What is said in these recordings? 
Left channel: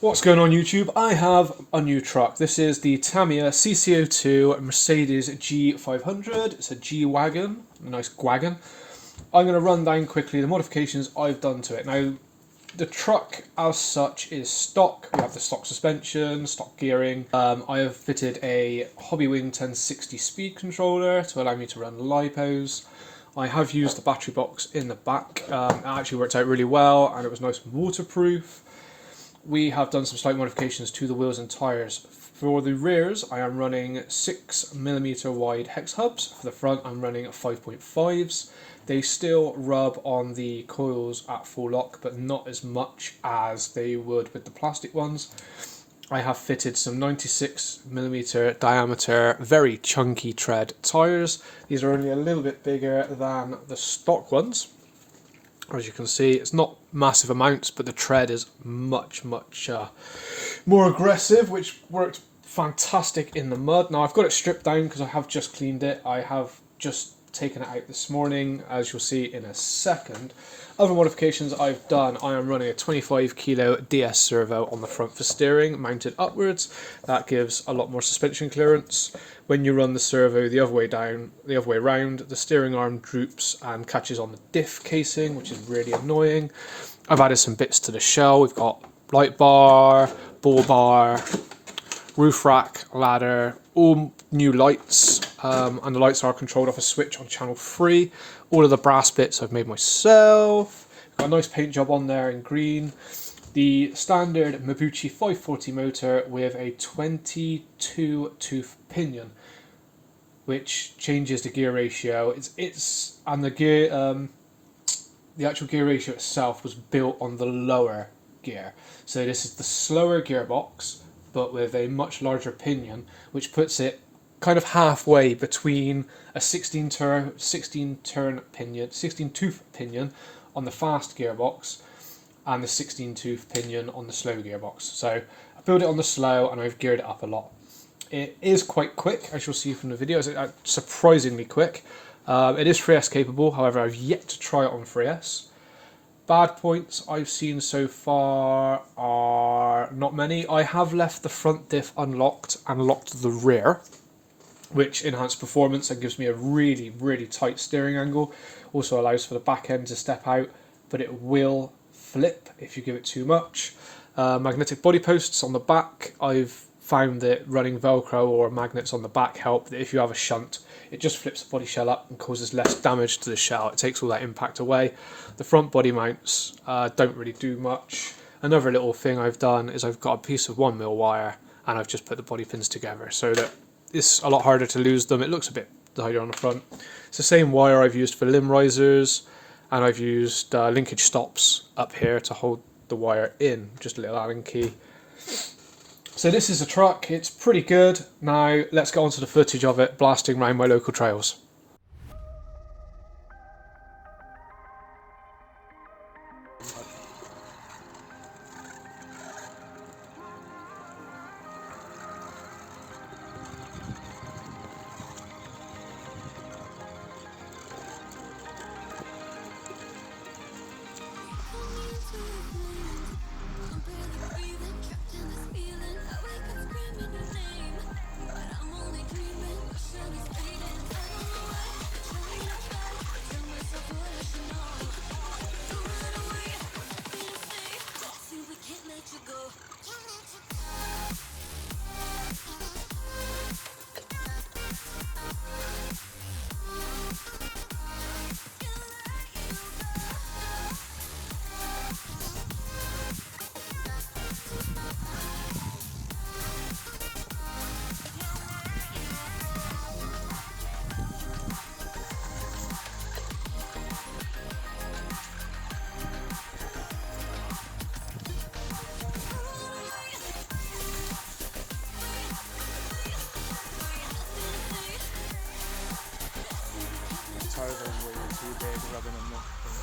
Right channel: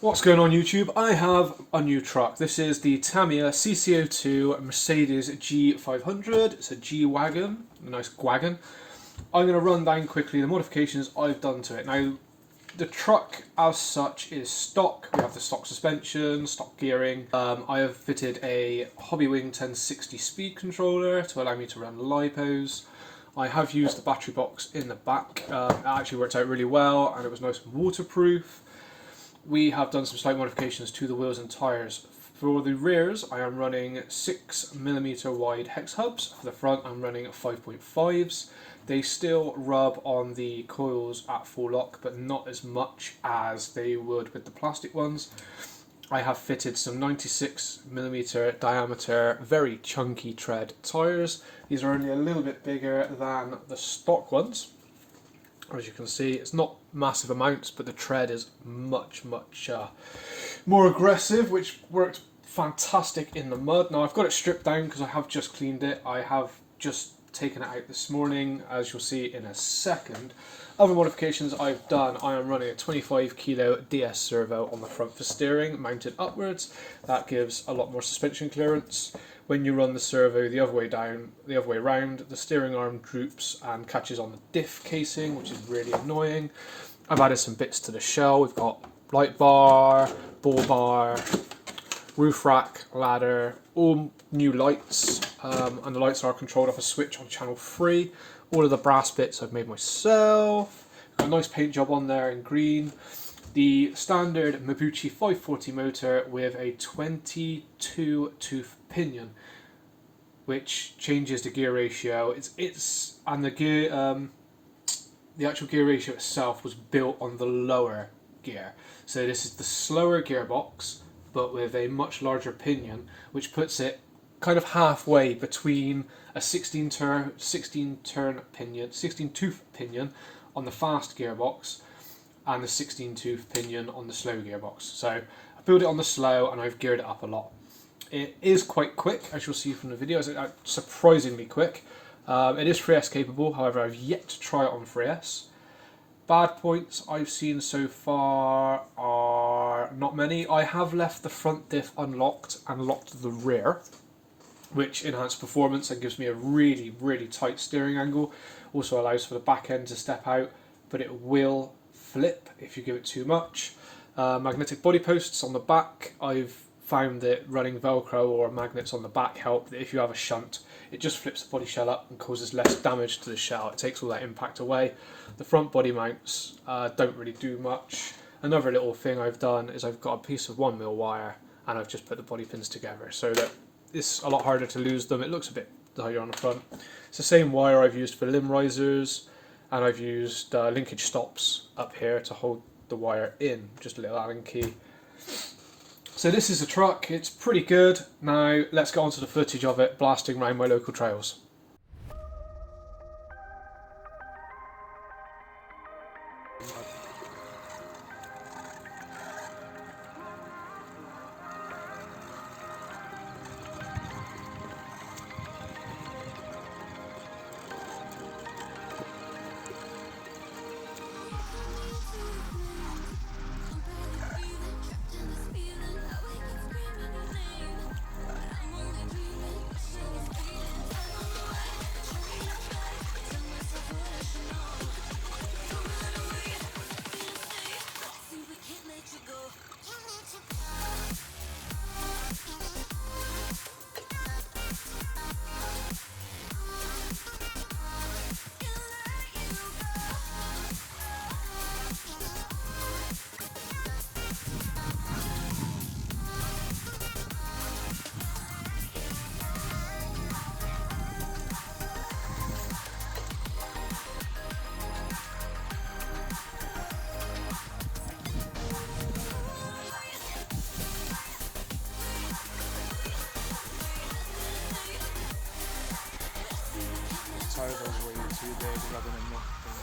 What's going on YouTube? I have a new truck. This is the Tamiya CC-02 Mercedes G500. It's a G-Wagon, a nice wagon. I'm going to run down quickly the modifications I've done to it. Now, the truck as such is stock. We have the stock suspension, stock gearing. I have fitted a Hobbywing 1060 speed controller to allow me to run lipos. I have used the battery box in the back. It actually worked out really well and it was nice and waterproof. We have done some slight modifications to the wheels and tyres. For the rears, I am running 6mm wide hex hubs. For the front, I'm running 5.5s. They still rub on the coils at full lock, but not as much as they would with the plastic ones. I have fitted some 96mm diameter, very chunky tread tyres. These are only a little bit bigger than the stock ones. As you can see, it's not massive amounts, but the tread is much more aggressive, which worked fantastic in the mud. Now I've got it stripped down because I have just cleaned it. I have just taken it out this morning, as you'll see in a second. Other modifications I've done, I am running a 25 kilo DS servo on the front for steering, mounted upwards. That gives a lot more suspension clearance. When you run the servo the other way down, the other way around, the steering arm droops and catches on the diff casing, which is really annoying. I've added some bits to the shell. We've got light bar, ball bar, roof rack, ladder, all new lights, and the lights are controlled off a switch on channel 3. All of the brass bits I've made myself. Got a nice paint job on there in green. The standard Mabuchi 540 motor with a 22 tooth pinion, which changes the gear ratio. And the gear, the actual gear ratio itself was built on the lower gear. So this is the slower gearbox, but with a much larger pinion, which puts it kind of halfway between a 16 tooth pinion on the fast gearbox and the 16 tooth pinion on the slow gearbox. So I built it on the slow and I've geared it up a lot. It is quite quick, as you'll see from the video. It's surprisingly quick. It is 3S capable, however I've yet to try it on 3S. Bad points I've seen so far are not many. I have left the front diff unlocked and locked the rear, which enhances performance and gives me a really tight steering angle. Also allows for the back end to step out, but it will flip if you give it too much. Magnetic body posts on the back. I've found that running Velcro or magnets on the back help. That if you have a shunt, it just flips the body shell up and causes less damage to the shell. It takes all that impact away. The front body mounts don't really do much. Another little thing I've done is I've got a piece of 1mm wire and I've just put the body pins together so that it's a lot harder to lose them. It looks a bit tighter on the front. It's the same wire I've used for limb risers, and I've used linkage stops up here to hold the wire in, just a little Allen key. So this is the truck. It's pretty good. Now let's get on to the footage of it blasting around my local trails. Tires are way too big, rubbing in the thing.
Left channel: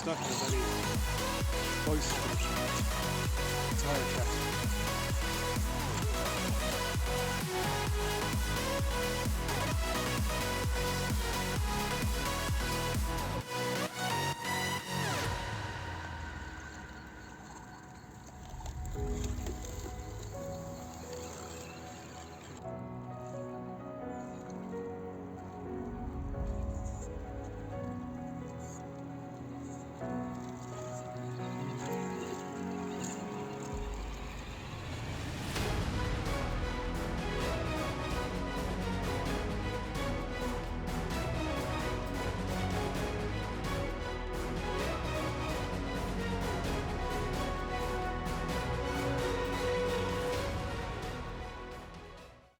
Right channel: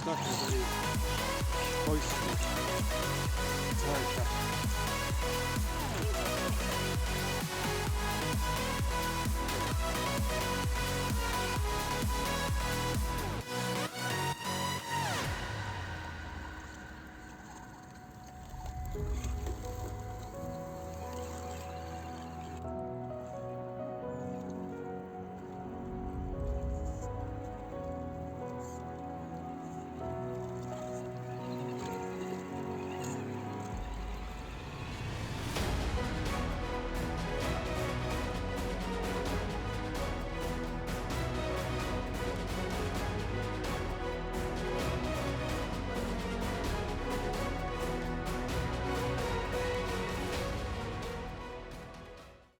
stuck in a very boisterous tire track.